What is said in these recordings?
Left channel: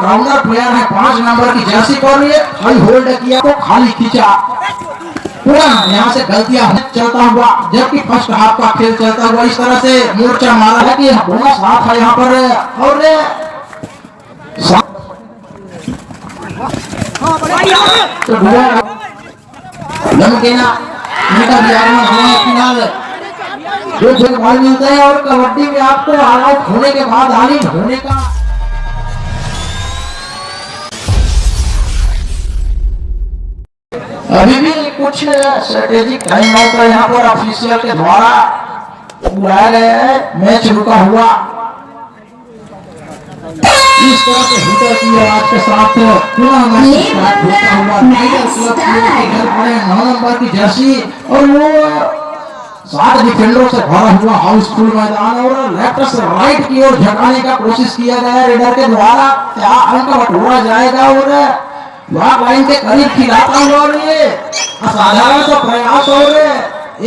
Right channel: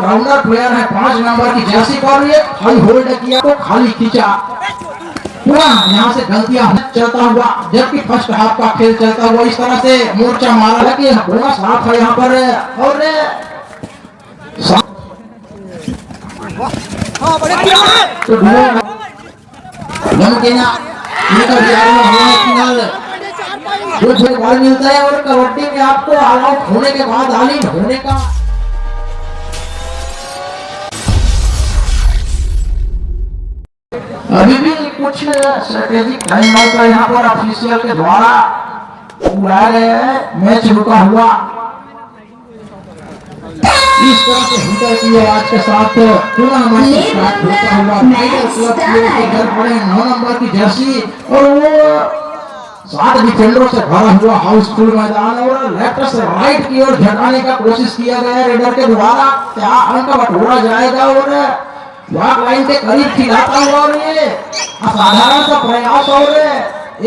Allrounder player है 5 number की Jersey पर ये हाई होल्ड किया को खाली खींचा पूरा यहाँ से गलतियां चलता हुआ, जबकि फर्स्ट हाफ का खेल चलता हुआ इस तरह से मोर्चा मारा है कि बोनस हाफ है यहाँ पर और तो बॉल मिलता है और कबड्डी में आपको ऑल आउट होने के बाद ऑल इन होने का अभी भी कुछ स्ट्रेटेजिक टाइम आउट यहाँ पर ऑफिशियल के द्वारा बुलाया गया है। मैच रुका हुआ इस तरह से हिटर की आवाज के साथ पुनः मैच स्टार्ट होता हुआ टाइगर क्लब के घर पड़े 9 नंबर की जर्सी और वो 60 डिफेंडरों से भरा हुआ हाउसफुल मैदान और लेफ्ट से राइट की ओर झटकाने का कोशिश किया गया रेडर के द्वारा। क्या अंक बटोरा जाएगा और ब्लॉक लाइन के करीब खिलाता हुआ और ये असाधारण सा प्रयास और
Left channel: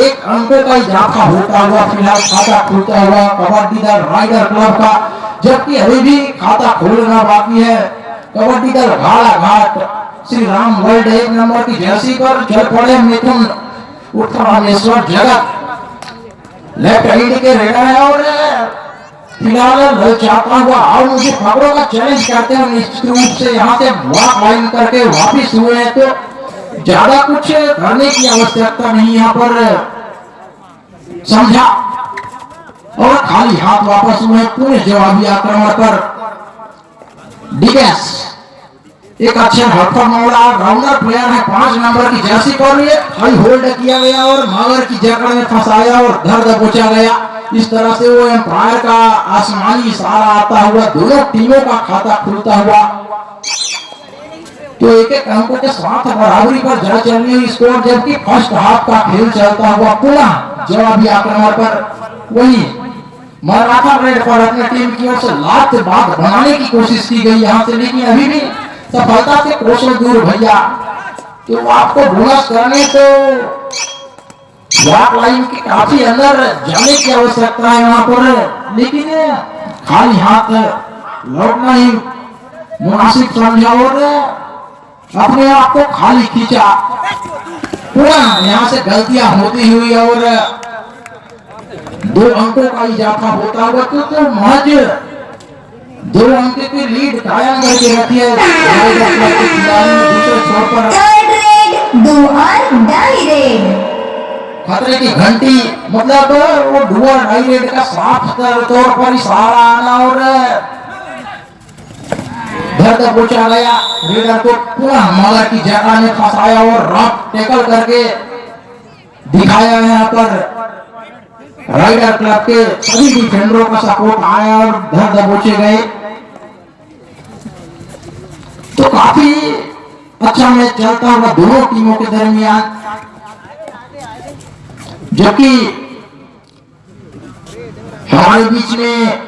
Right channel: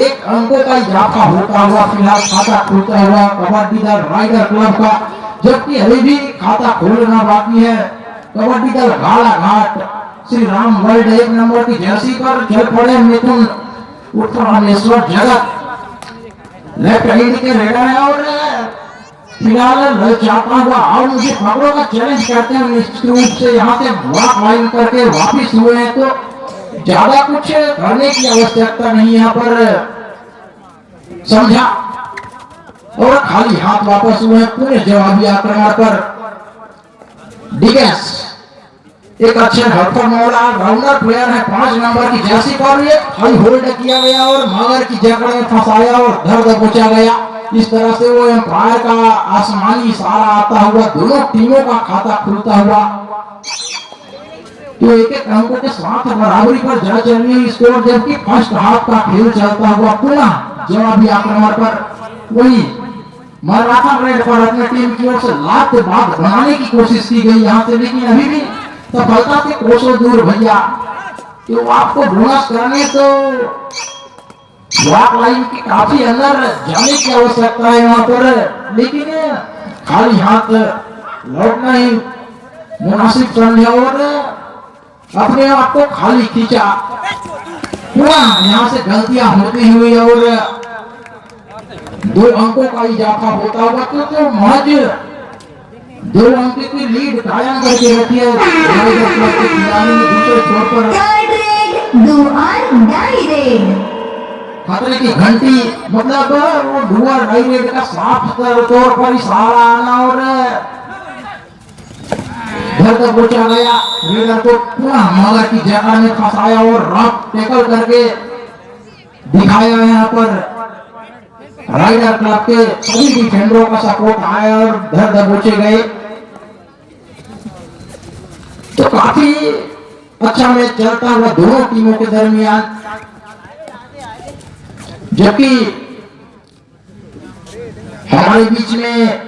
एक अंकों का इजाफा होता हुआ फिलहाल खाता खुलता हुआ कबड्डी दल राइडर क्लब का, जबकि अभी भी खाता खोलना बाकी है। कबड्डी दल घाट श्री राम वर्ल्ड 1 नंबर की जर्सी पर चल पड़े मिथुन उत्तरामेश्वर जगत लेफ्ट हैंड के रेडर है और फिलहाल चाहता हुआ और मुझे खबरों का चैलेंज करते हैं निश्चित रूप से यहाँ से ब्लॉक लाइन करके वापिस हुए हैं, तो ज्यादा कुछ करने की आवश्यकता नहीं यहाँ पर समझा और खाली हाथ वापस हुए पूरे जवाबी आक्रमण पर। डिफेंस एक अच्छे हल्का मौला राउंडर प्लेयर है 5 नंबर की जर्सी पर ये हाई होल्ड किया गया और मगर की जकड़ में फंसाया और धर दबोचा गया। इस तरह से वो एम्पायर का आसमानी इशारा आता हुआ दोनों टीमों का खाता खुलता हुआ, तो एक एक अंक के साथ बराबरी पर जा चल रही स्कोर, जबकि फर्स्ट हाफ का खेल चलता हुआ पुनः जवाबी आक्रमण पर वही मराठा रेड पर अपने टीम की ओर से लात बात बनाने की कोशिश की गई यहाँ से, लेकिन अभी भी सफलता से कोसों दूर भैया। तो आपको बोनस करने तो ब्लॉक लाइन के काफी अंदर जाने की आवश्यकता है यहाँ पर, लेकिन खाली हाथ लौटना ही मुनासिब समझा और अपने आप को खाली खींचा पूरा यहाँ से गलतियां होती हुई और 2 अंकों का इजाफा होता हुआ तो महज 2 अंक की लीड कायम करके रखी है दूसरे छोर पर खतरे की घंटी, मतलब वो डुआ डायरेक्ट का साफ तौर पर इशारा आना और धर दबोचा गया। रेडर को पुनः माला की जगह में फंसाया और रफ टैकल करके दिखाया। यहाँ पर राइडर क्लब के सभी डिफेंडरों का सपोर्ट आया और धर दबोचे गए, तो काफी अच्छा मैच चलता हुआ दोनों टीमों के दरमियान, जबकि हमारे बीच में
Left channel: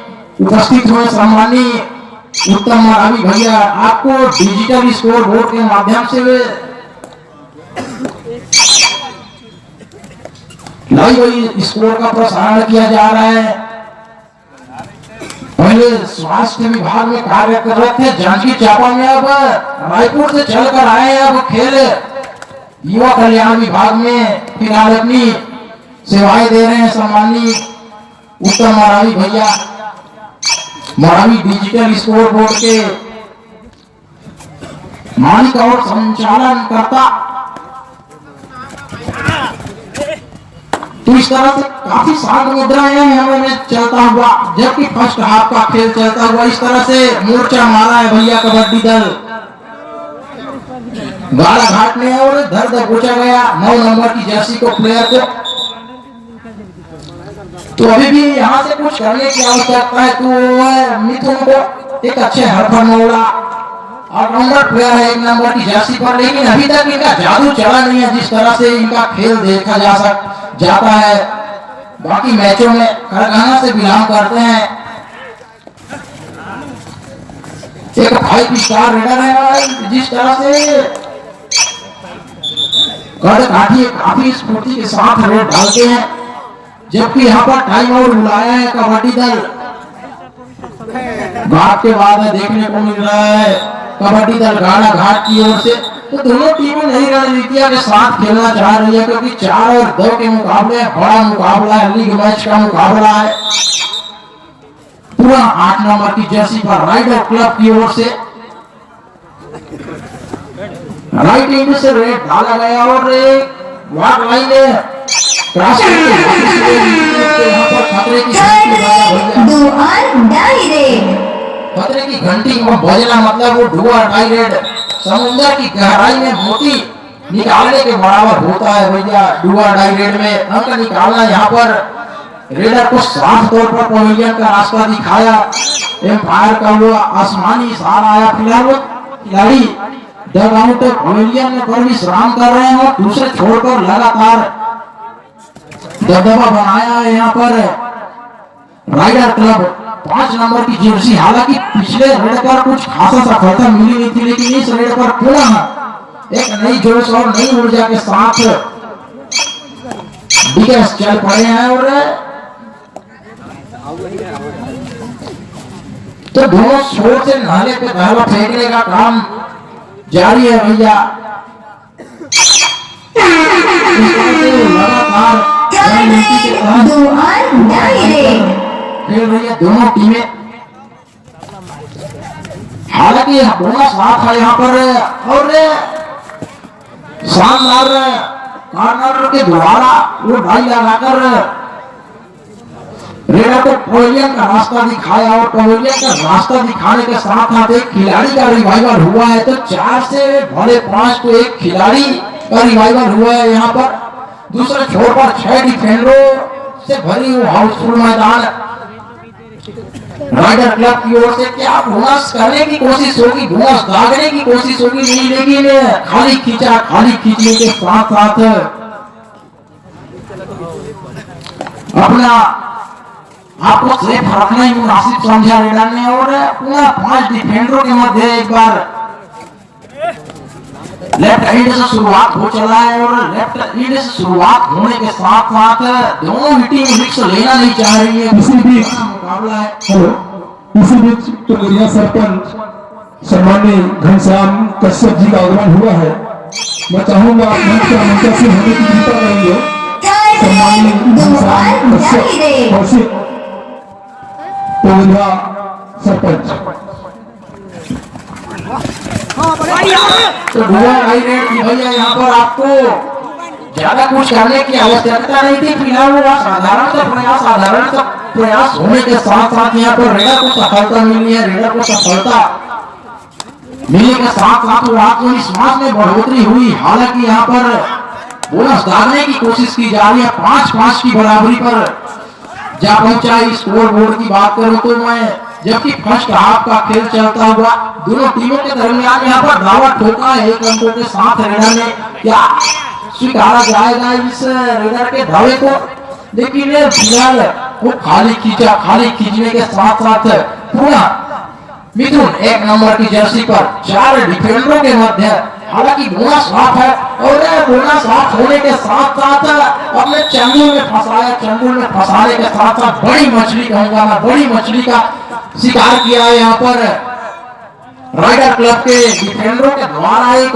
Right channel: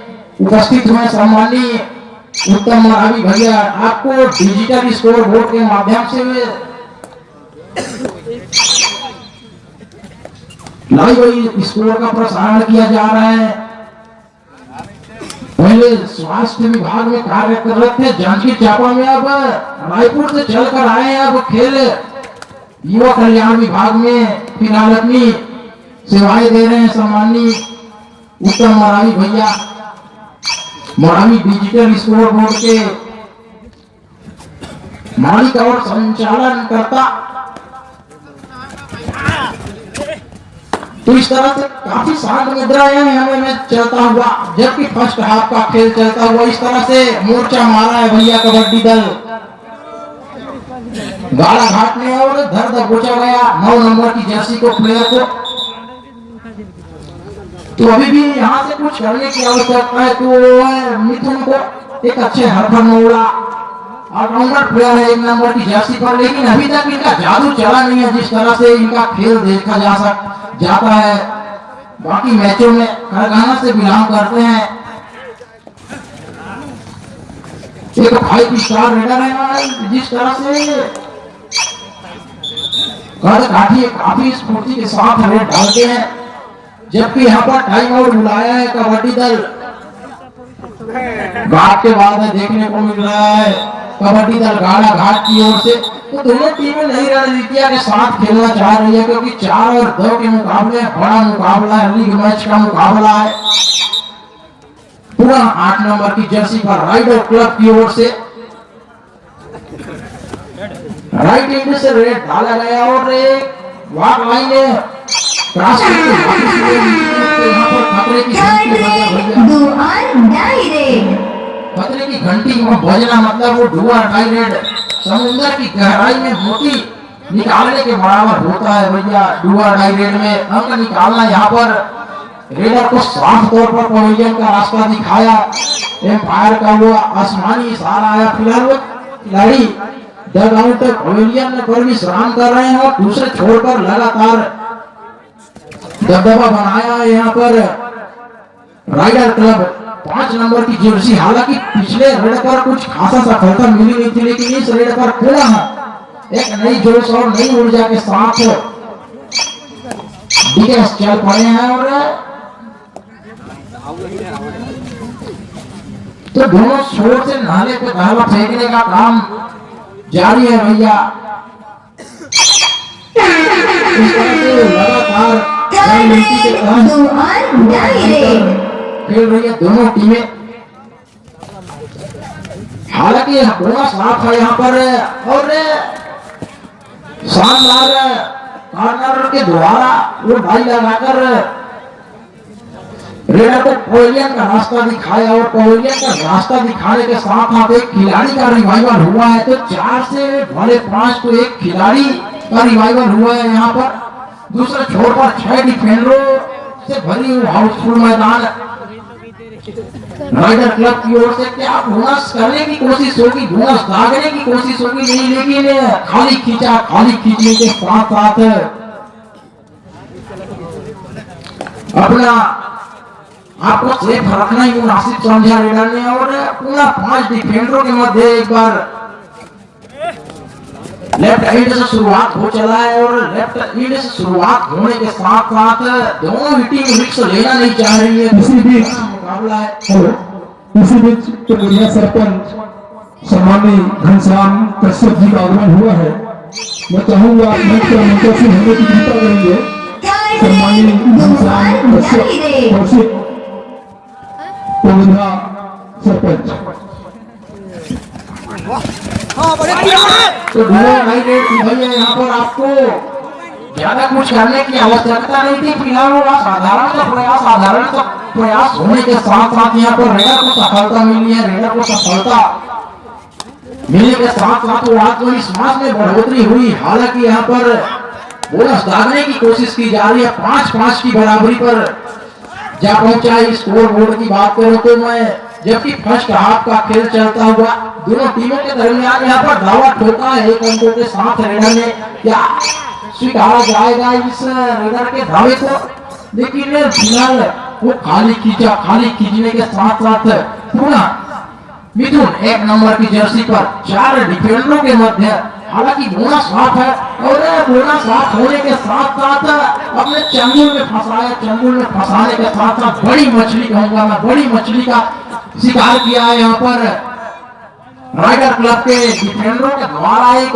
उपस्थित हुए सम्मानीय उत्तम मरावी भैया आपको डिजिटल स्कोर बोर्ड के माध्यम से लाइव स्कोर का प्रसारण किया जा रहा है। पहले स्वास्थ्य विभाग में कार्य कर रहे थे जांजगीर चांपा में, अब रायपुर से चलकर आए हैं, अब खेल युवा कल्याण विभाग में फिलहाल अपनी सेवाएं दे रहे हैं सम्मानीय उत्तम मरावी भैया। मरावी डिजिटल स्कोर बोर्ड के मालिक और संचालन करता, तो इस तरह से काफी शांत मुद्राएं हमें मैच चलता हुआ, जबकि फर्स्ट हाफ का खेल चलता हुआ इस तरह से मोर्चा मारा है भैया कबड्डी दल गाड़ा घाट में और धर दबोचा गया 9 नंबर की जर्सी को प्लेयर को। तो अभी भी यहाँ से कुछ करने की आवश्यकता है, तो मिथुन को एक अच्छे हरफनौड़ा ऑलराउंडर प्लेयर है 1 नंबर की जर्सी पर, लेकिन अभी तक इनका जादू चला नहीं है जिस तरह से इनका खेल देखा जाता है। बाकी मैचों में खरगाना से बिलोंग करते हैं, एक 5 स्टार रेडर है, जिस तरह से काफी स्फूर्ति के साथ रेड डालते हैं, जबकि यहाँ पर टाइम आउट बुलाया है कबड्डी दल घाट के बाद देखने को मिल रहा है कबड्डी दल गाड़ा घाट की ओर से। तो दोनों टीमें नई रणनीतियां के साथ खेलना चाह रही है, क्योंकि 4 और 2 के मुकाबले बड़ा मुकाबला है, लीग मैच का मुकाबला है। पूरा 8 नंबर की जर्सी पर राइडर क्लब की ओर से राइट एंड से रेड डाला गया और वाक लाइन क्रॉस खतरे की घंटी को बजना मतलब वो डुआ डायरेड समुद्र की गहराई में मोती निकालने के बराबर होता है भैया। डुआ डायरेड में अंक निकालना, यहाँ पर रेडर को साफ तौर पर पवेलियन का रास्ता दिखाया। एम्पायर का वो आसमानी इशारा आया। फिलहाल वो खिलाड़ी डग आउट पवेलियन में पर विश्राम कर रहे हैं और दूसरे छोर पर लगातार दबदबा बनाया है। यहाँ पर राइडर क्लब 5 नंबर की जर्सी, हालांकि पिछले रेड पर कुछ खासा सफलता मिली नहीं थी, लेकिन इस रेड पर पुनः एक नई जोश और नई ऊर्जा के साथ बिगेस चल पड़े हैं। और तो दोनों छोर से नाले पे धावा फेंकने का काम जारी है भैया। लगातार खेल रही है दोनों टीमें। हालांकि बोनस साफ है यहाँ पर और शानदार कॉर्नर के द्वारा वो डाई लगाकर रेडर को पवेलियन का रास्ता दिखाया और पवेलियन का रास्ता दिखाने के साथ साथ एक खिलाड़ी का रिवाइवल हुआ है। तो 4 से भले 5 तो एक खिलाड़ी का रिवाइवल हुआ है। यहाँ पर दूसरे छोर पर 6 डिफेंडरों से भरी हुई हाउसफुल मैदान। राइडर क्लब की ओर से क्या बोनस करने की कोशिश होगी, बोनस दागने की कोशिश होगी नहीं, लेकिन खाली खींचने के साथ साथ अपना आपको सेफ रखना ही मुनासिब समझा रेडर ने और पूरा 5 डिफेंडरों के मध्य एक बार लेफ्ट एंड से शुरुआत हो चला है और लेफ्ट एंड से शुरुआत होने के साथ साथ दोनों ही टीम रिस्क लेना नहीं चाह रही है। इसी बीच मुकाबला है। इसी बीच तो बढ़िया सरपंच सम्मानीय घनश्याम कश्यप जी का आगमन हुआ है। मैं चाहूंगा मंच पर मुंतशिर होने की कृपा करेंगे। सम्मानीय घनश्याम कश्यप तो बढ़िया सरपंच तो भैया यहाँ पर आपको ज्यादा कुछ करने की आवश्यकता नहीं थी। फिलहाल वो साधारण प्रयास होने के साथ साथ यहाँ पर रेडर को सफलता मिली है। रेडर को सफलता मिलने के साथ साथ वो आत्मविश्वास में बढ़ोतरी हुई। हालांकि यहाँ पर बोनस दागने की कोशिश की जा रही है। 5-5 की बराबरी पर जा पहुंचा। स्कोर बोर्ड की बात करूं तो मैं जबकि फर्स्ट हाफ का खेल चलता हुआ दोनों टीमों के दरमियान यहाँ पर दावा ठोका है 1 अंकों के साथ। रेडर ने क्या स्वीकारा जाएगा इस रेडर के दावे को, लेकिन फिलहाल वो खाली खींचने के साथ साथ पूरा मिथुन 1 नंबर की जर्सी पर 4 डिफेंडरों के मध्य। हालांकि बोनस साफ है और बोनस साफ होने के साथ साथ अपने चंगुल में फंसाया। चंगुल में फंसाने के साथ साथ बड़ी मछली कहूंगा मैं, बड़ी मछली का शिकार किया है यहाँ पर राइडर क्लब के डिफेंडरों के द्वारा। एक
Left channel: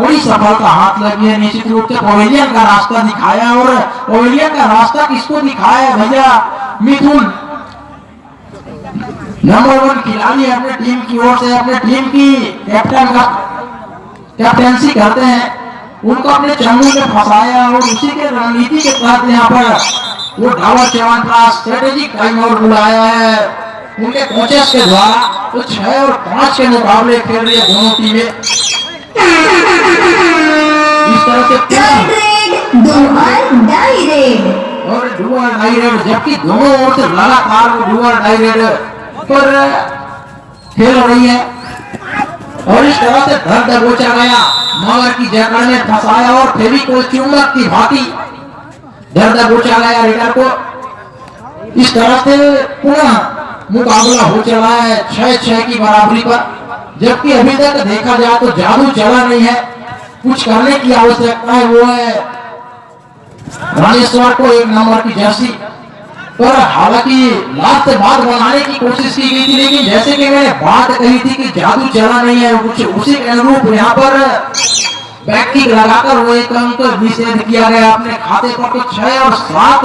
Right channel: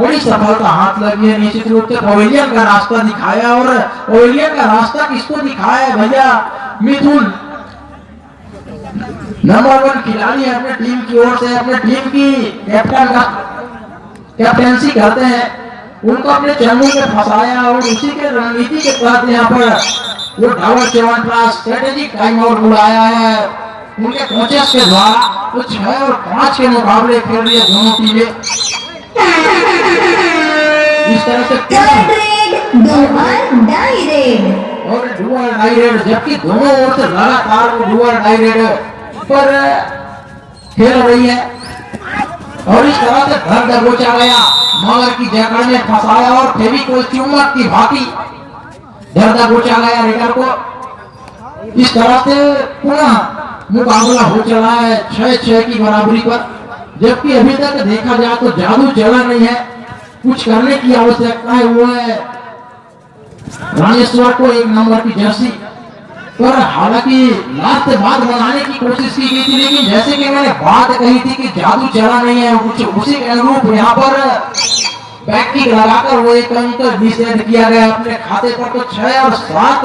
बड़ी सफलता हाथ लगी है। निश्चित रूप से पवेलियन का रास्ता दिखाया और पवेलियन का रास्ता किसको दिखाया है भैया? मिथुन नंबर 1 खिलाड़ी अपने टीम की ओर से अपने टीम की कैप्टन का कैप्टेंसी करते हैं, उनको अपने चंगुल में फंसाया और उसी के रणनीति के तहत यहाँ पर वो डावर 7 स्ट्रेटेजिक टाइम आउट बुलाया है उनके कोचेस के द्वारा। तो 6 और 5 के मुकाबले खेल रही है दोनों टीमें। इस तरह से और डुअल डायरेक्ट, जबकि दोनों ओर से लगातार वो डुअल डायरेक्ट पर खेल रही है और इस तरह से घर दबोचा गया, मगर की जकड़ में फंसाया और फेविकोल चुंबक की भांति घर दबोचा गया रेडर को। इस तरह से पुनः मुकाबला हो चला है 6-6 की बराबरी पर, जबकि अभी तक देखा जाए तो जादू चला नहीं है। कुछ करने की आवश्यकता है, वो है राजेश्वर को 1 नंबर की जर्सी पर हालांकि लास्ट बात बनाने की कोशिश की गई थी, लेकिन जैसे कि मैंने बात कही थी कि जादू चला नहीं है, कुछ उसी के अनुरूप यहाँ पर बैक किक लगाकर वो एक अंक निषेध किया गया अपने खाते पर। तो 6 और 7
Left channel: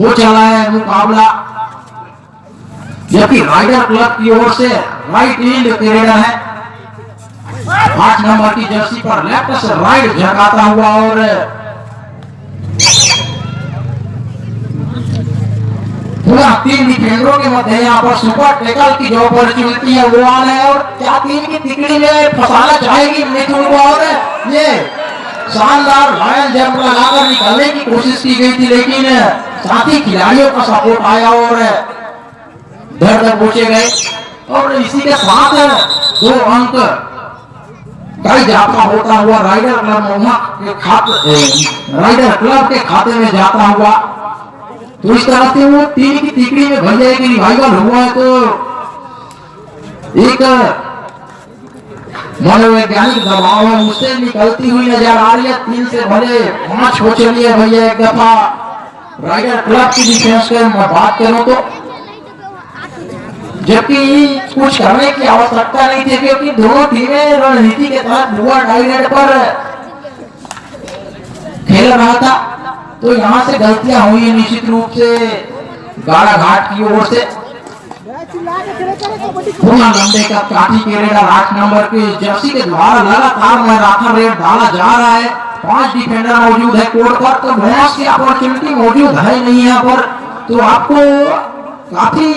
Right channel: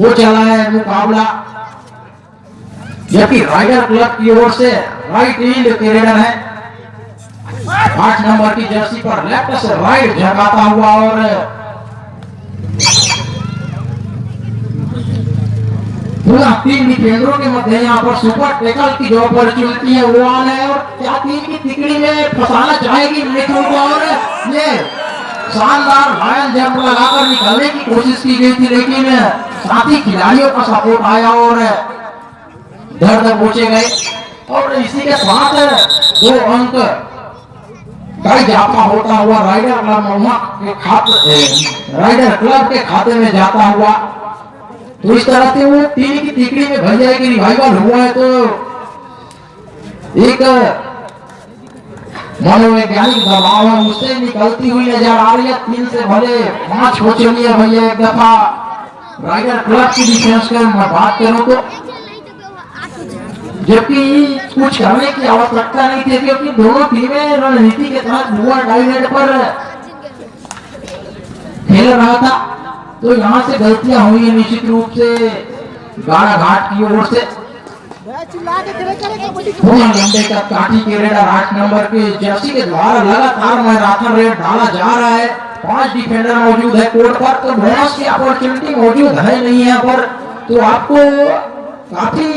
हो चला है मुकाबला, जबकि राइडर क्लब की ओर से राइट फील्ड के रेडर है 8 नंबर की जर्सी पर लेफ्ट से राइट झटकाता हुआ, और पूरा 3 डिफेंडरों के मध्य यहाँ पर सुपर टैकल की जो अपॉर्चुनिटी है वो आना है, और क्या टीम की तिकड़ी में फंसाना चाहेगी मिथुन को, और ये शानदार लायन जंप लगाकर निकलने की कोशिश की गई थी, लेकिन साथी खिलाड़ियों का सपोर्ट आया और दर तक पहुंचे गए। और इसी के साथ 2 अंक का इजाफा होता हुआ राइडर क्लब के खाते में जाता हुआ। तो इस तरह से वो 3 की तिकड़ी में भैया एक रिवाइवल हुआ है, तो एक मनोवैज्ञानिक दबाव है उससे निकलती हुई नजर आ रही है। 3 से भले 5 हो चली है भैया एक दफा राइडर क्लब की डिफेंस की मैं बात करूं तो, जबकि कुछ करने की आवश्यकता नहीं थी, क्योंकि दोनों टीमें रणनीति के तहत लोअर डाइनेट पर खेल रहा था। तो यहाँ से गलतियां हुई है निश्चित रूप से गाड़ा घाट की ओर से। पूरा लंबे का काठी के रेडर 8 नंबर के जर्सी के द्वारा लगातार मैराथन रेड डाला जा रहा है। 5 डिफेंडर मौजूद है कोर्ट पर, तो बोनस की अपॉर्चुनिटी मौजूद है नहीं यहाँ पर, तो आपको काफी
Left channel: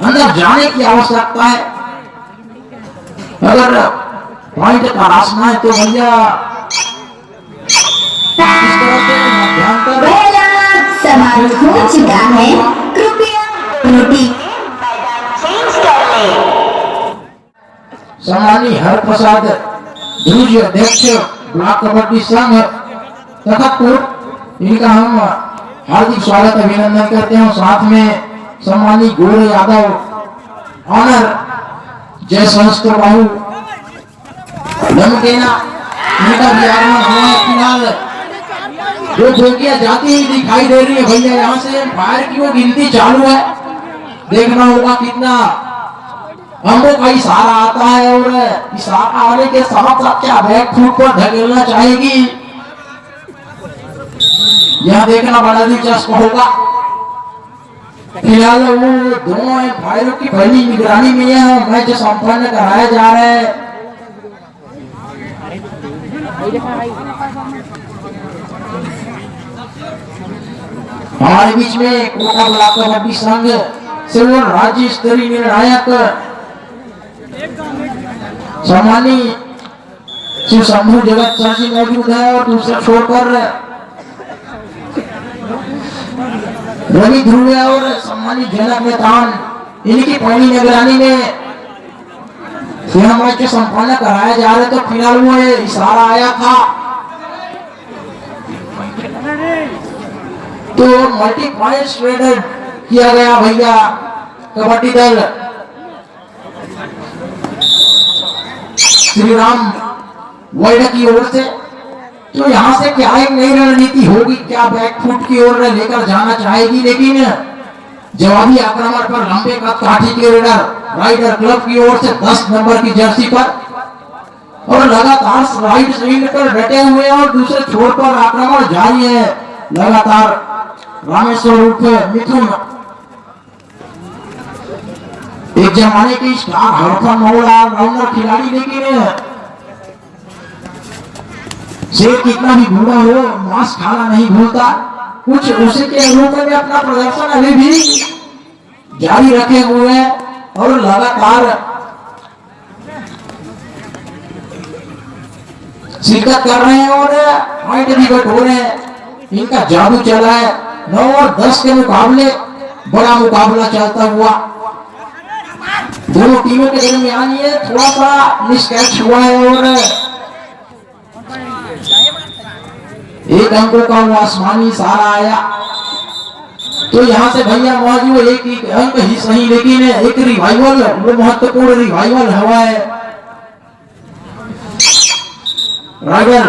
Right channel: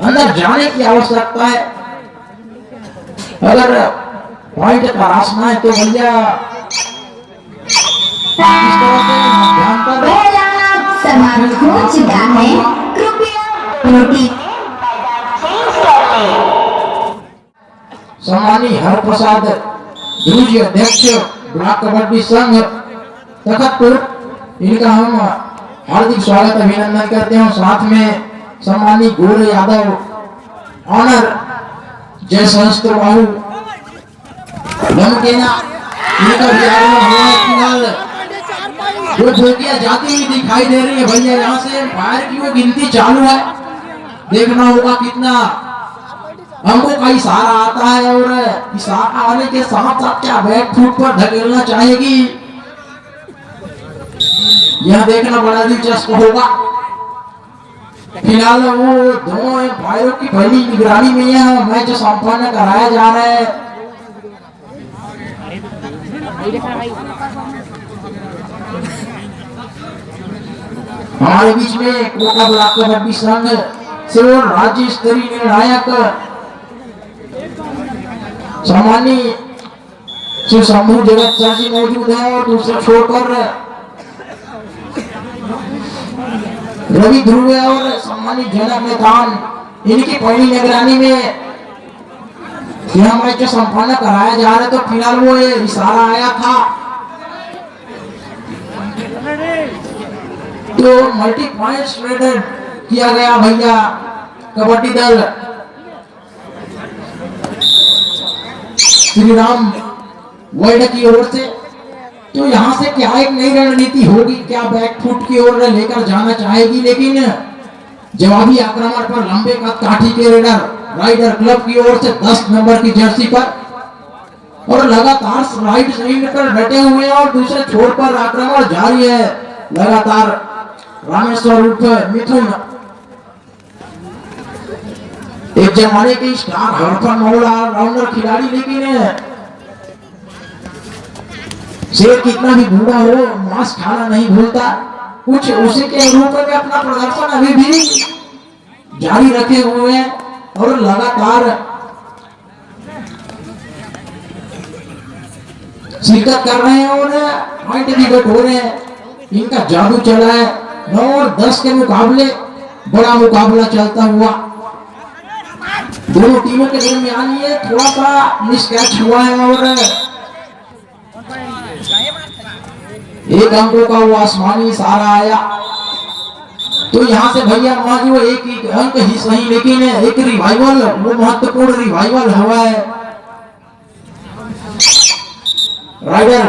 अंदर जाने की आवश्यकता है अगर पॉइंट तलाशना है। तो भैया समाप्त हो चुका है, कृपया सम्मानी हरप्रसाद ध्रुज अध्यक्ष ब्लॉक कबड्डी संघ तखतपुर, इनका हम हार्दिक स्वागत अभिनंदन करते हैं। साथ में सम्मानी गोरे यादव ऑनर जय सहस्त्र बाहु धमकेना, इनका भी फिलहाल 2 धोकियां जाती हुई दिखाई दे रही है भैया। यहाँ से फायर की वो गिनती चालू है, देखना होगा कितना अंकों का इशारा आता है, और इशारा आने के साथ साथ क्या बैक फुट पर धकेलना चाहेगी यह देखना बड़ा दिलचस्प होगा। फिलहाल वो दोनों फायरों की पहली निगरानी में है, मैच संपन्न कराया जा रहा है। हमारे बीच में कोटा ब्लॉक कबड्डी संघ से वो राज्य स्तरीय निर्णायक सम्मानी श्री शंभू जगत सर जी मौजूद है, और दूसरे छोर पर रवि ध्रुव और सम्मानी जनक नेतान, इनकी पहली निगरानी में यह मैच संपन्न कराया जा रहा है। तो फिलहाल वो इशारा आया था, तो मल्टी पॉइंट्स ट्रेडेड किया गया भैया कबड्डी दल श्री राम वर्ल्ड की ओर से। तो यहाँ से क्या एक नई रणनीति होगी, क्या बैकफुट की ओर लेकर जाना चाहेगी, लेकिन जवाबी आक्रमण पर लंबे का काठी के रेडर राइडर क्लब की ओर से 10 नंबर की जर्सी पर, और लगातार राइट साइड पर डटे हुए, और दूसरे छोर पर आक्रमण जारी है लगातार रामेश्वर उर्फ मिथुन, एक जमाने की स्टार हड़फा मौला राउंडर खिलाड़ी, लेकिन शेर कितना भी भूखा हो मांस खाना नहीं भूलता। कुछ उसी के अनुरूप में अपना प्रदर्शन अभी भी जारी रखे हुए हैं, और लगातार शिरकत कर रहे हैं और पॉइंट भी बटोर रहे हैं। इनका जादू चला है। 9 और 10 के मुकाबले बड़ा मुकाबला चलता हुआ दोनों टीमों के दरमियान ये थोड़ा सा मिसकैच हुआ है, और एक अंकों का वो आसमानी इशारा आया। तो यहाँ से भैया मौजूद एक ही अंक ही सही, लेकिन एक रिवाइवल, वो महत्वपूर्ण रिवाइवल हुआ है राइडर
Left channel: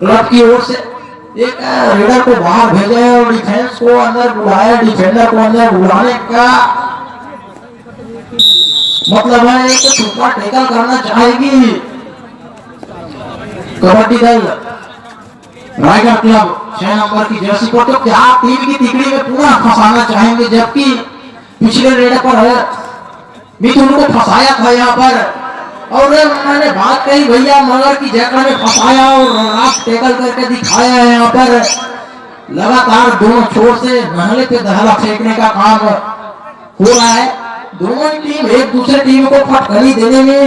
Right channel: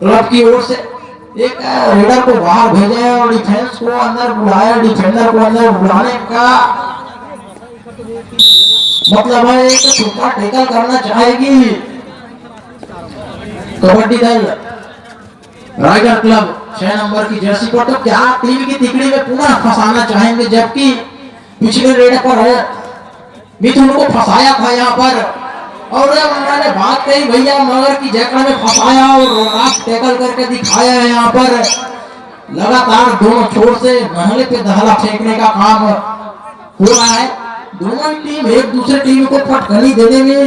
क्लब की ओर से। एक रेडर को बाहर भेजे और डिफेंस को अंदर बुलाया, डिफेंडर को अंदर बुलाने का मतलब है कि सुपर टैकल करना चाहेगी कबड्डी दल रायगढ़ क्लब 6 नंबर की जर्सी को। तो क्या टीम की तिकड़ी में पुनः फंसाना चाहेंगे, जबकि पिछले रेड पर है मिथुन को फंसाया था यहाँ पर और उन्होंने बात कही भैया मगर की जगह में फंसाया और रात टैकल करके दिखाया है। यहाँ पर लगातार दोनों छोर से महले पे दहला फेंकने का काम हो रहा है। दोनों ही टीम एक दूसरे टीम को फटकनी देने में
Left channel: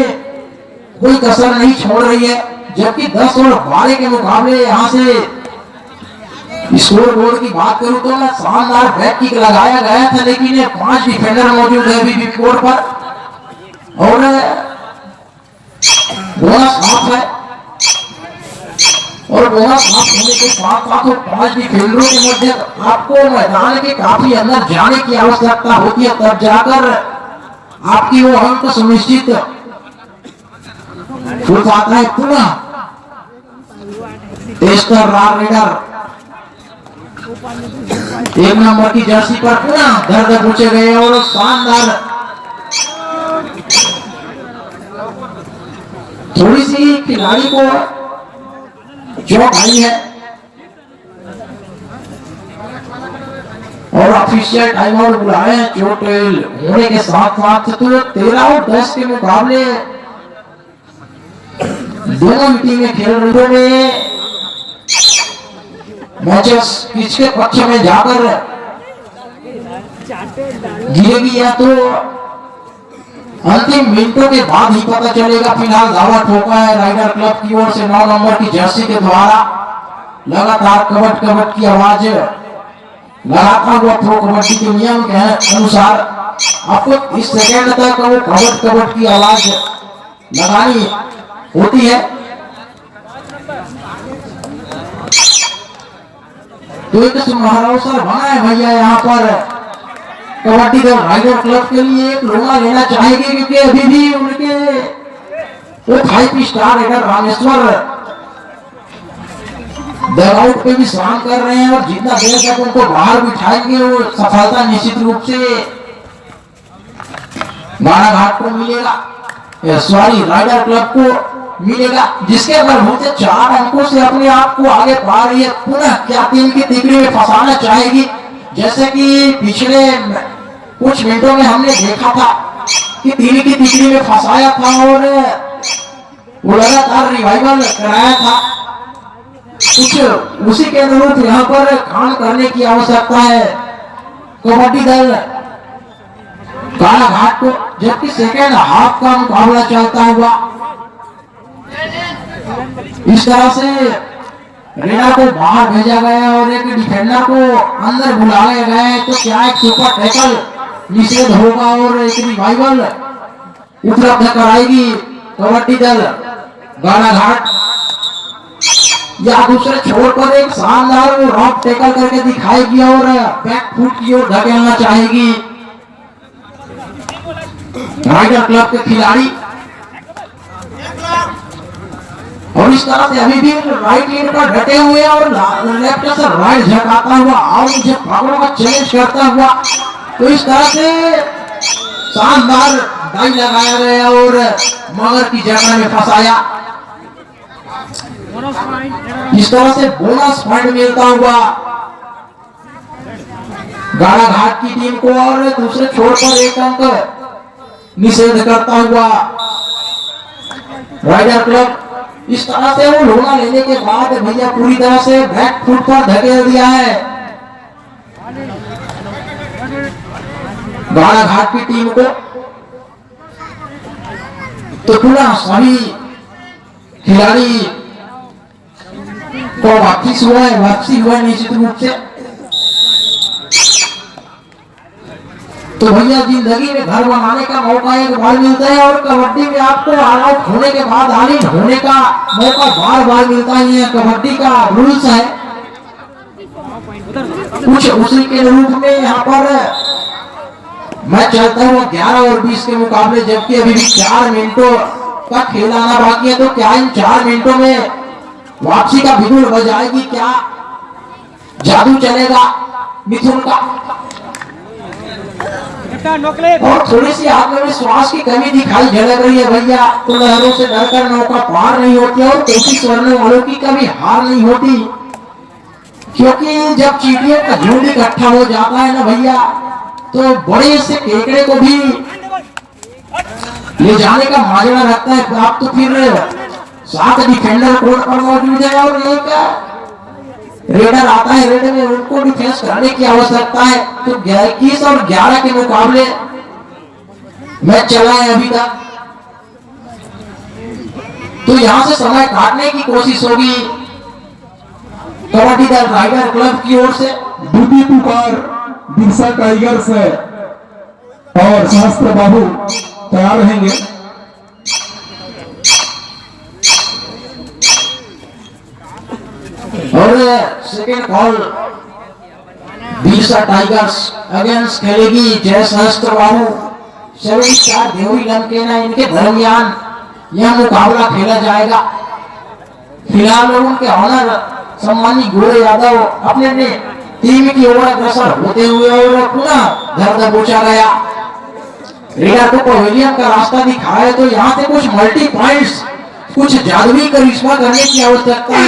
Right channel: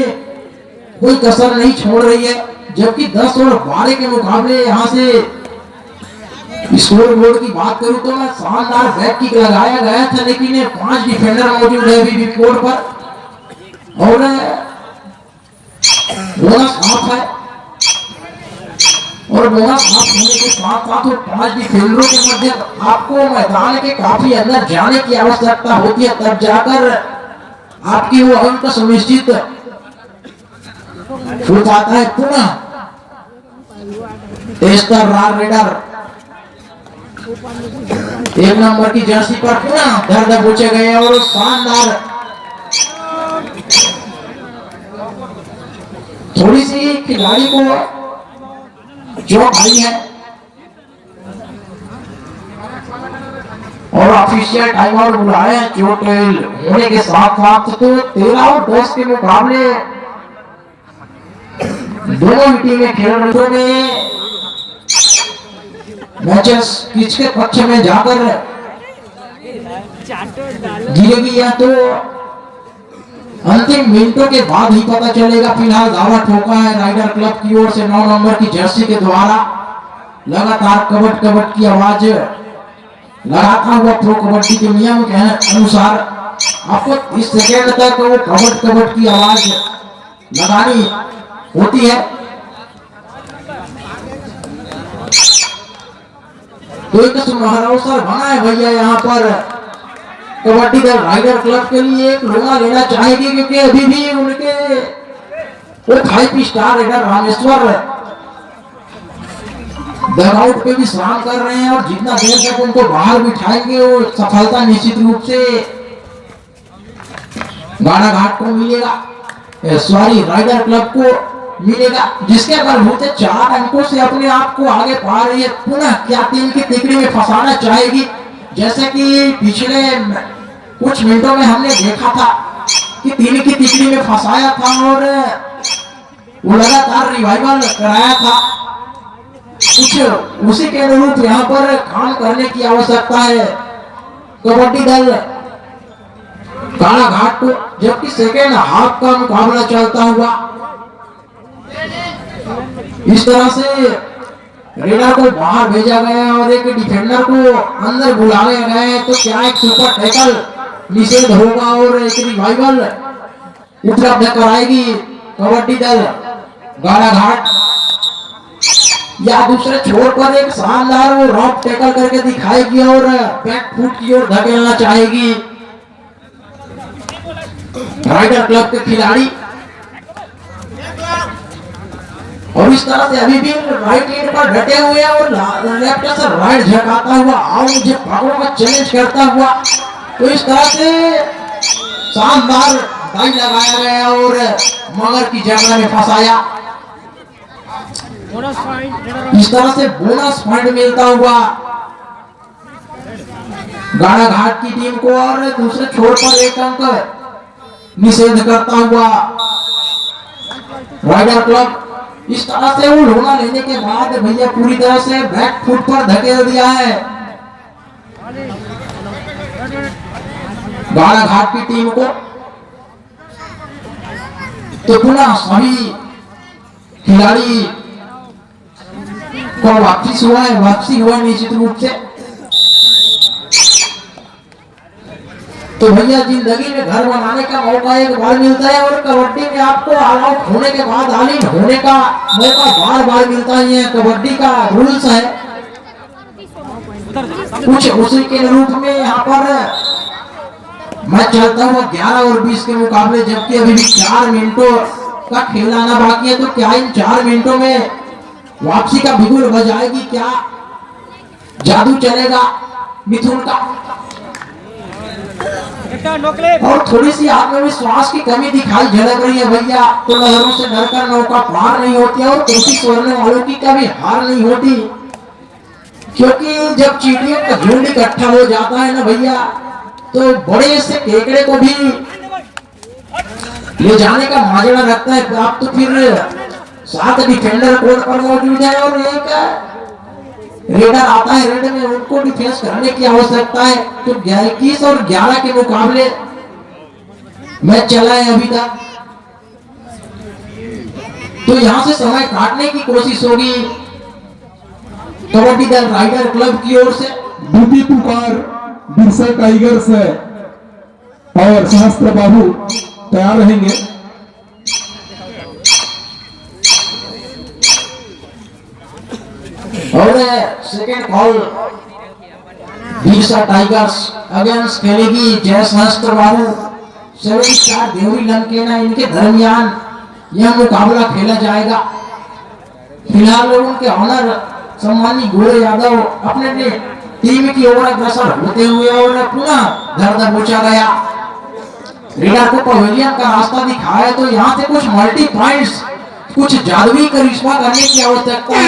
कोई कसर नहीं छोड़ रही है, जबकि 10 और 12 के मुकाबले यहाँ से स्कोर बोर्ड की बात करूं तो शानदार बैक किक लगाया गया था, लेकिन 5 डिफेंडर मौजूद है अभी भी कोर्ट पर और बोनस ऑफ है और बोनस ऑफ होने के साथ साथ 5 डिफेंडरों के मध्य आपको मैदान के काफी अंदर जाने की आवश्यकता होती है, तब जाकर आपकी वो अंक सुनिश्चित हो जाता है। पुनः टेस्टर रार रेडर 1 नंबर की जर्सी पर पुनः दर्द पूछे गए और शानदार थोड़ी सी खिलाड़ी को चोट आई है और ऑफिशियल टाइम आउट बुलाए हैं चोट होने के साथ साथ। तो 13 और 10 के मुकाबले दोनों टीमें खेल रही हैं। मैचेस किसके पक्ष में जाकर गिरेगी या तो अंतिम मिनटों के बाद ही पता चलेगा। फिलहाल दावा ठोका है राइडर क्लब की ओर से 9 नंबर की जर्सी के द्वारा। लगातार कबड्डी कबड्डी की आवाज लगाता हुआ प्रो कबड्डी के नियम के अनुसार आपको 30 सेकेंड तक वो कबड्डी कबड्डी की आवाज लगानी होती है। तो एक सुनहरा अवसर बना है भैया यहाँ पर कबड्डी दल राइडर क्लब के लिए एक लोना लेना चाहेगी, क्योंकि अभी भी उनके वो 5 स्टार रेडर रामेश्वर दराउट पे भी स्नान कर रहे हैं और जितना देर तक उनको बाहर बिठाएंगे वो सफलता निश्चित रूप से बाराघाट को मिलेगा, सॉरी राइडर क्लब को मिलेगा, जिसके बलबूते 4 अंकों से अपने आप को आगे पा रही है। पुनः क्या टीम की तिकड़ी में फंसाना चाहेगी, जैसे कि पिछले कुछ मिनटों में हमने देखा था कि टीम की तिकड़ी में फंसाया था और वो लगातार रिवाइवल कराया था। कुछ उसी के अनुरूप यहाँ पर काम करने की आवश्यकता है कबड्डी दल कालाघाट को, जबकि सेकेंड हाफ का मुकाबला चलता हुआ इस तरह से रेडर को बाहर भेजा गया और एक डिफेंडर को अंदर बुलाया गया है। तो क्या एक सुपर टैकल निषेध होगा और एक रिवाइवल उपलब्ध कराएगी कबड्डी दल गाड़ाघाट, या दूसरे छोर पर एक शानदार वो रॉक टैकल करके दिखाएगी और बैक फुट की ओर धकेलना चाहेगी राइडर क्लब के खिलाड़ी। और इस तरह से अभी भी राइट एंड पर डटे हुए और लेफ्ट से राइट झकाता हुआ और मुझे पकड़ों का चैलेंज करता हुआ, तो इस तरह से शानदार डाई लगाया गया और मगर की जगह में फंसाया। इस तरह से बोनस पॉइंट मिलता हुआ गाड़ाघाट की टीम को और दूसरे छोर पर एक अंक निषेध करता हुआ राइडर क्लब। इस तरह से वो लोना लेने के बाद भैया पूरी तरह से बैक फुट पर धकेल दिया है गाड़ाघाट की टीम को। तो पुनः सभी खिलाड़ी को वापसी हुआ है निश्चित रूप से। तो भैया जिंदगी में घर बनाने का मौका एक बार मिलता है और कबड्डी में आपको ऑल आउट होने के बाद ऑल इन होने का मौका बार बार मिलता ही है। कबड्डी का रूल्स है कुछ उसी के रूप में यहाँ पर मैच चलता हुआ 11 और 20 के मुकाबले, जबकि अभी भी 4 मिनटों का खेल आना बाकी है। तो क्या इन 4 मिनटों में वापसी का बिगुल बजाएगी क्या जादू चलेगा मिथुन का, और थोड़ी सी आत्मविश्वास की कमी दिखाई झलक रही है भैया। तो लहरों से डरकर नौका पार नहीं होती और कोशिश करने वालों की कभी हार नहीं होती, क्योंकि जब चींटियों का झुंड इकट्ठा हो जाता है ना भैया, तो बड़े से केकड़े को भी ले जाने का माजरा रहता है। आप तो फिर 7 डिफेंडर कोर्ट पर मौजूद है और एक रेडर आता है, रेडर में उनको डिफेंस करने की आवश्यकता है। तो 21 और 11 के मुकाबले मैच चला है अभी तक, तो यहां से समय काटने की कोशिश होगी कबड्डी दल राइडर क्लब की ओर से। ड्यूटी पुकार बिरसा टाइगर्स और सहस्त्र बाहु तैयार रहेंगे। और second call Birsa tigers against खेलेगी जय सहस्त्र बाहु 7 स्टार देवरी लंकेना, इनके दरमियान यह मुकाबला खेला जाएगा। फिलहाल उनके ऑनर सम्मानी गोरे यादव अपने अपने टीम की ओर अग्रसर होते हुए और पुनः घर दबोचा गया। रेडर को पवेलियन का रास्ता दिखाया, तो यहाँ से कुछ मल्टी पॉइंट्स, कुछ जादुई करिश्मा करने की आवश्यकता है।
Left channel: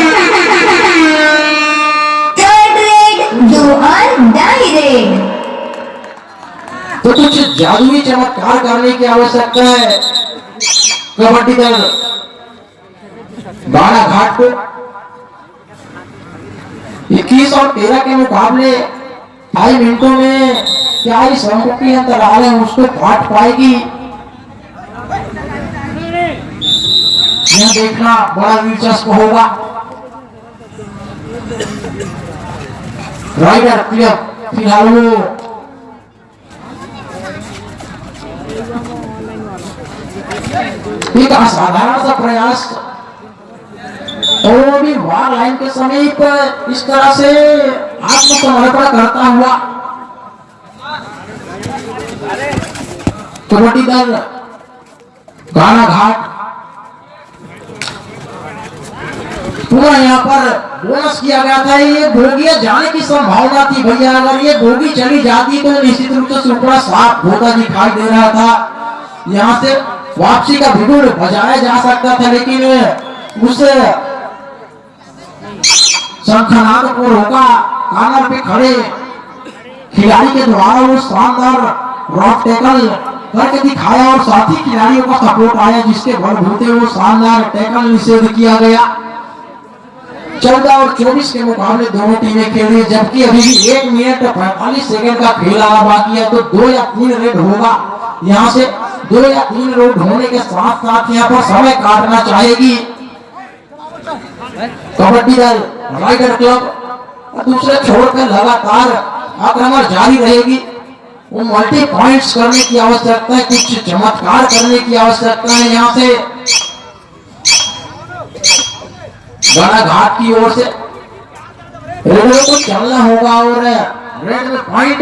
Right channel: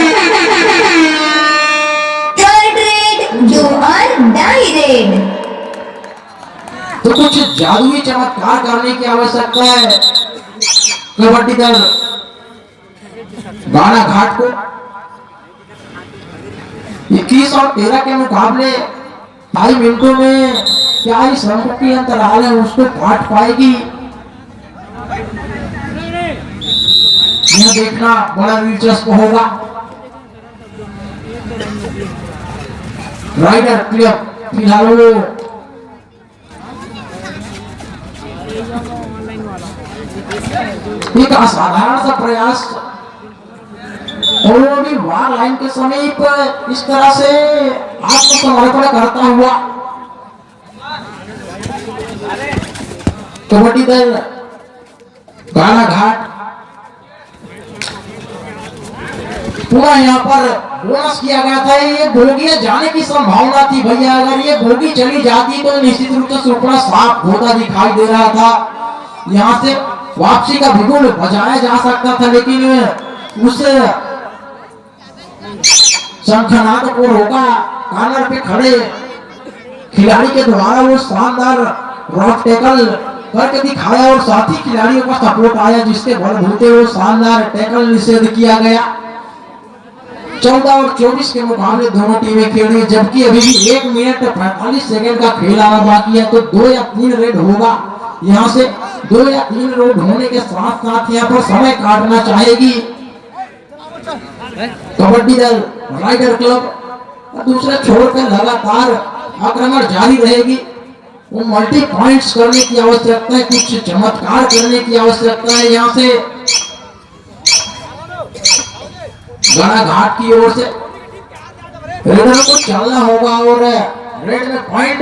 थर्ड रेड, 2 और डाई रेड। तो कुछ जादुई चमत्कार करने की आवश्यकता है कबड्डी दल बाड़ा घाट को। 21 और 13 के मुकाबले 2.5 मिनटों में क्या इस संकुटी अंतराल है उसको काट पाएगी, यह देखना बड़ा दिलचस्प होगा। राइडर क्लब फिलहाल वो एक असाधारण सा प्रयास, और वो भी वार लाइन के समीप इस तरह से आत्मसमर्पण करता हुआ कबड्डी दल गाना घाट पूरा यहाँ पर बोनस किया गया था। ये बोगिया जाने की संभावना थी भैया, अगर ये बोगी चली जाती तो निश्चित रूप से सुपड़ा साफ होता दिखाई दे रहा था। यहाँ से वापसी का बिगुल बजाया जा सकता था, लेकिन उस शंखनाद को रोका कॉर्नर पे खड़े खिलाड़ी के द्वारा। वो शानदार रॉक टैकल करके दिखाया और साथी खिलाड़ियों का सपोर्ट आया, जिसके बलबूते वो शानदार टैकल निषेध किया गया। 14 और 24 के मुकाबले दोनों टीमें खेली, जबकि अभी भी 1 मिनट 45 सेकंड का खेल आना बाकी है। तो 2 या 3 रेड होगा, यहाँ से 2 या 3 रेड होने के साथ साथ यहाँ पर समय काटना चाहेगी कबड्डी दल राइडर क्लब। दूसरे छोर पे लगातार आक्रमण जारी रहेगी। वो मल्टी पॉइंट्स करने की आवश्यकता है, कुछ चमत्कार करने की आवश्यकता है। यहाँ से बड़ा घाट की ओर से रेडरों को चलना होगा और रेड में पॉइंट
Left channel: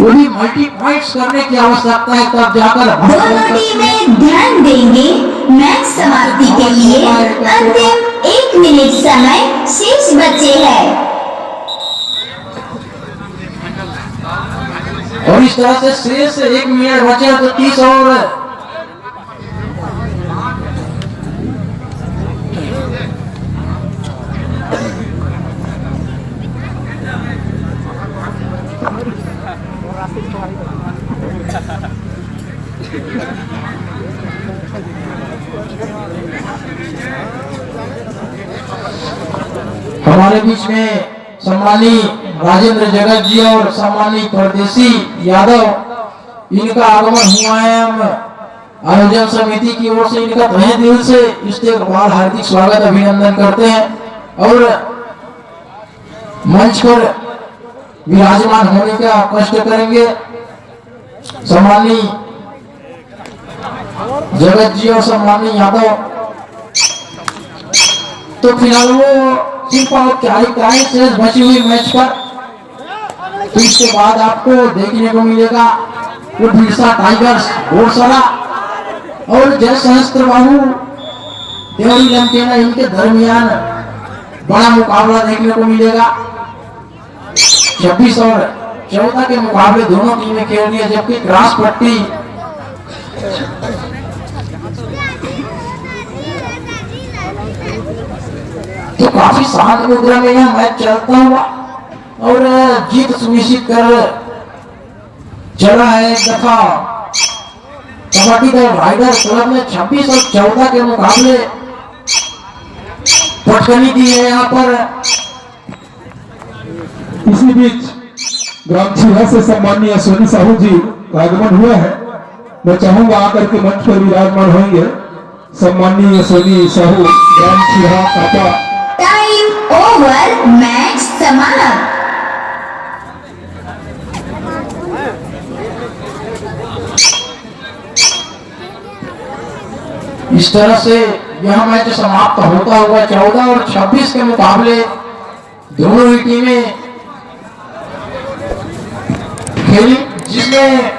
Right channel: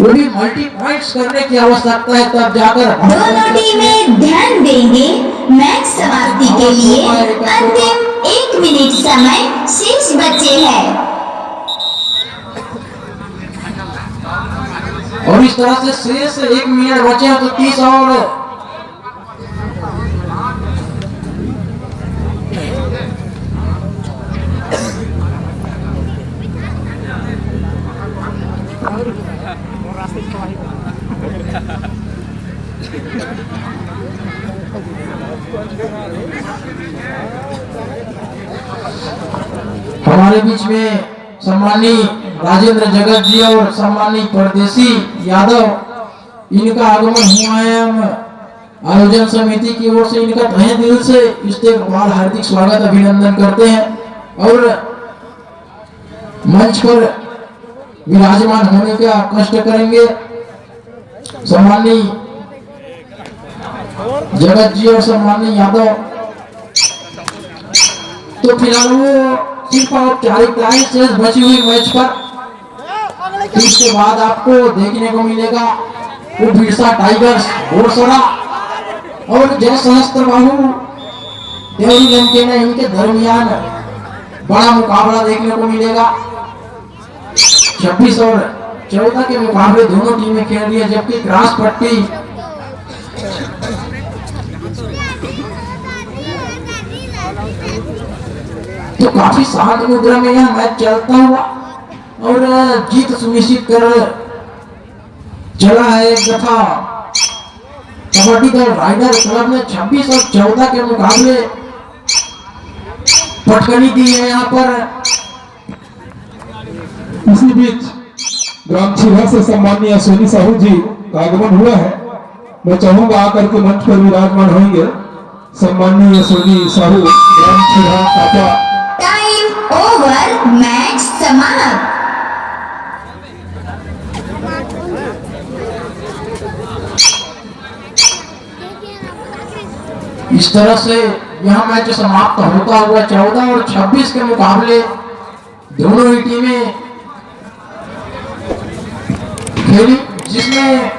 वो भी मल्टी पॉइंट्स करने की आवश्यकता है, तब जाकर दोनों टीमें ध्यान देंगे। मैच समाप्ति के लिए अंतिम 1 मिनट समय शेष बचे हैं। और इस तरह से शेष 1 मिनट बचे तो 30 और हमारे बीच में सम्मानी राजेंद्र जगत जी और सम्मानी परदेसी यादव, इनका आगमन हुआ है। हम आयोजन समिति की ओर से इनका तहे दिल से इस्तेकबाल हार्दिक स्वागत अभिनंदन करते हैं और मंच पर विराजमान होने का कष्ट करेंगे। सम्मानी जगत जी और सम्मानी यादव, तो फिलहाल वो सिर्फ औपचारिकताएं शेष बची हुई मैच पर। इसके बाद आपको देखने को मिलेगा वो बिरसा टाइगर्स घोड़सरा और जय सहस्त्र बाहु देवरी लंकेना, इनके दरमियान बड़ा मुकाबला देखने को मिलेगा। 26 और 14 के मुकाबले दोनों टीमें खेल रही है, जबकि क्रॉस पट्टी तो काफी शांत मुद्रा में यह मैच चलता हुआ और जीत सुनिश्चित कर चला है। तथा कबड्डी दल राइडर क्लब ने 26 और 14 के मुकाबले पटकनी दी है। यहाँ पर इसी बीच ग्राम छिहा से सम्मानीय सोनी साहू जी का आगमन हुआ है। मैं चाहूंगा आकर के मंच पर विराजमान होंगे सम्मानीय सोनी साहू ग्राम छिहा काका। टाइम ओवर, मैच समाप्त। इस तरह से यह मैच समाप्त होता हुआ 14 और 26 के मुकाबले दोनों ही टीमें खेली, जिसमें